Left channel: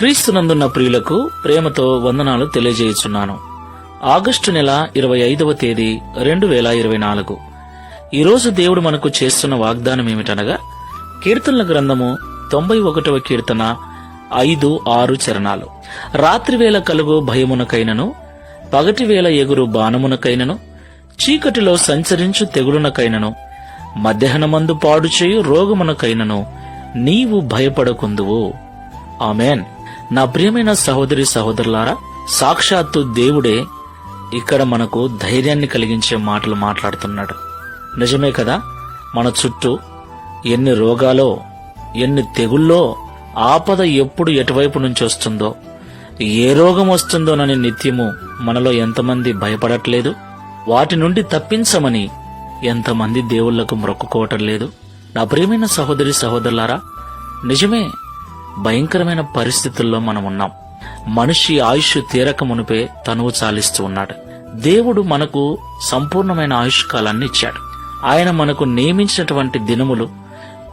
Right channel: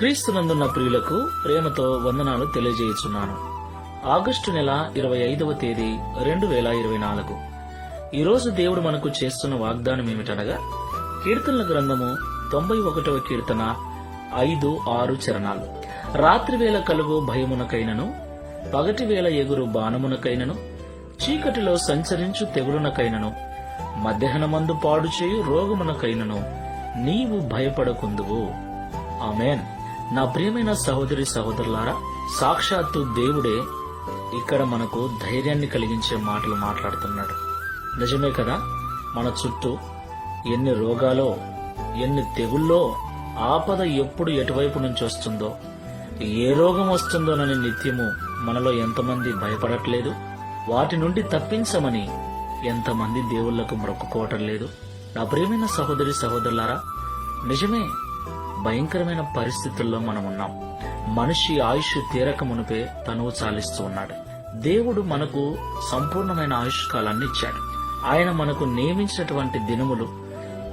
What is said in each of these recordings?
క్రీస్తునందున్న ప్రియులకు ప్రేమతో వందనాలు తెలియజేయుచున్నాను. ఆగస్టు నెల 25వ తేదీ 2024. ఈరోజు దేవుడు మనకు చేస్తున్న వాగ్దానం ఏమిటనగా, కీర్తనల గ్రంథము 91వ కీర్తన 5-6 చరణాలు. రాత్రివేళ కలుగు భయమునకైనను, పగటివేళ ఎగురు బాణమునకైనను, చీకటిలో సంచరించు తెగులునకైనను, మధ్యాహ్నమందు పాడు చేయు రోగమునకైనను నీవు భయపడకుందువు. ఆమేన్. నా ప్రియమైన సహోదరి సహోదరులారా, సాక్షాత్తు దేవుడే ఇక్కడ మనకు ధైర్యాన్ని కలిగించే మాటలు మాట్లాడుతున్నాడు. నిజమే కదా? మన చుట్టూ ఎన్ని రోగాలో, ఎన్ని తెగుల్లో, ఆపద ఎప్పుడు ఎటువైపు నుంచి వస్తుందో, ఏ రోగం వస్తుందోనని నిత్యము మనలో ఎంతమంది భయపడట్లేదు? వాటి నుండి తప్పించమని ఎంతమంది దేవుళ్లకు మొక్కుకోవటం లేదు? నా ప్రియమైన సహోదరి సహోదరులారా, నిజమే, భయంకరమైన పరిస్థితుల్లో మనం ఉన్నాం. మనిషి ఆయుష్ తీరక మునిపే తనువు చాలిస్తూ ఉన్నాడు. దేవుడు మనకు సంపూర్ణమైన ఆయుష్ కాలాన్ని ఇచ్చాడు. ఆయన మనకు నియమించినటువంటి దినములు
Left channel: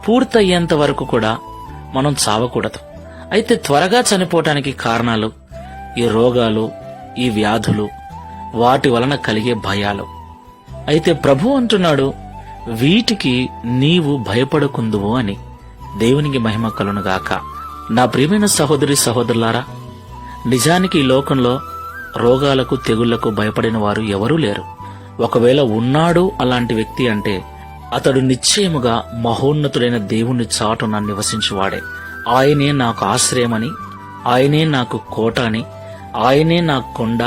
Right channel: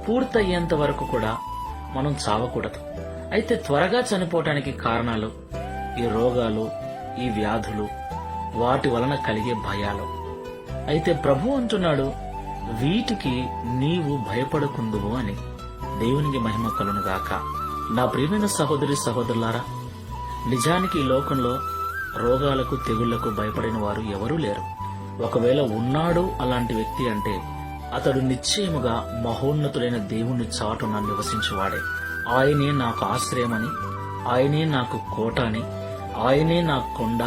పూర్తయ్యేంత వరకు కూడా మనం చావకూడదు. అయితే త్వరగా చనిపోవటానికి కారణాలు ఈ రోగాలు, ఈ వ్యాధులు, వాటి వలన కలిగే భయాలు. అయితే ప్రభు అంటున్నాడు, వీటికి నీవు భయపడకుందువు అని. దేవునికి మహిమ కలుగునుగాక. నా ప్రియమైన సహోదరి సహోదరులారా, నిజానికి ఈ లోకంలో రోగాలకు, తెగుళ్లకు భయపడిన వారు ఎవరూ లేరు. ఒకవేళ ఉన్నాడు అలాంటి వ్యక్తి అంటే అతడు నిశ్చయముగా మహోన్నతుడైన దేవుణ్ణి చాటున నివసించువాడే. ఆయనే నాకు ఆశ్రయమని, ఆయనే నాకు కోట అని, ఆయనే నా కొండ,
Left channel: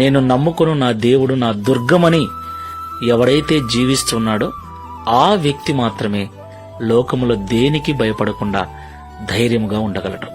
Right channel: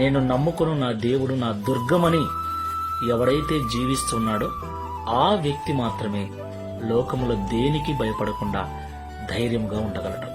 నేను నమ్ముకొను నా దేవుడు నా దుర్గమని ఎవడైతే జీవిస్తున్నాడో ఆ వ్యక్తి మాత్రమే లోకములో దేనికి భయపడకుండా ధైర్యంగా ఉండగలడు.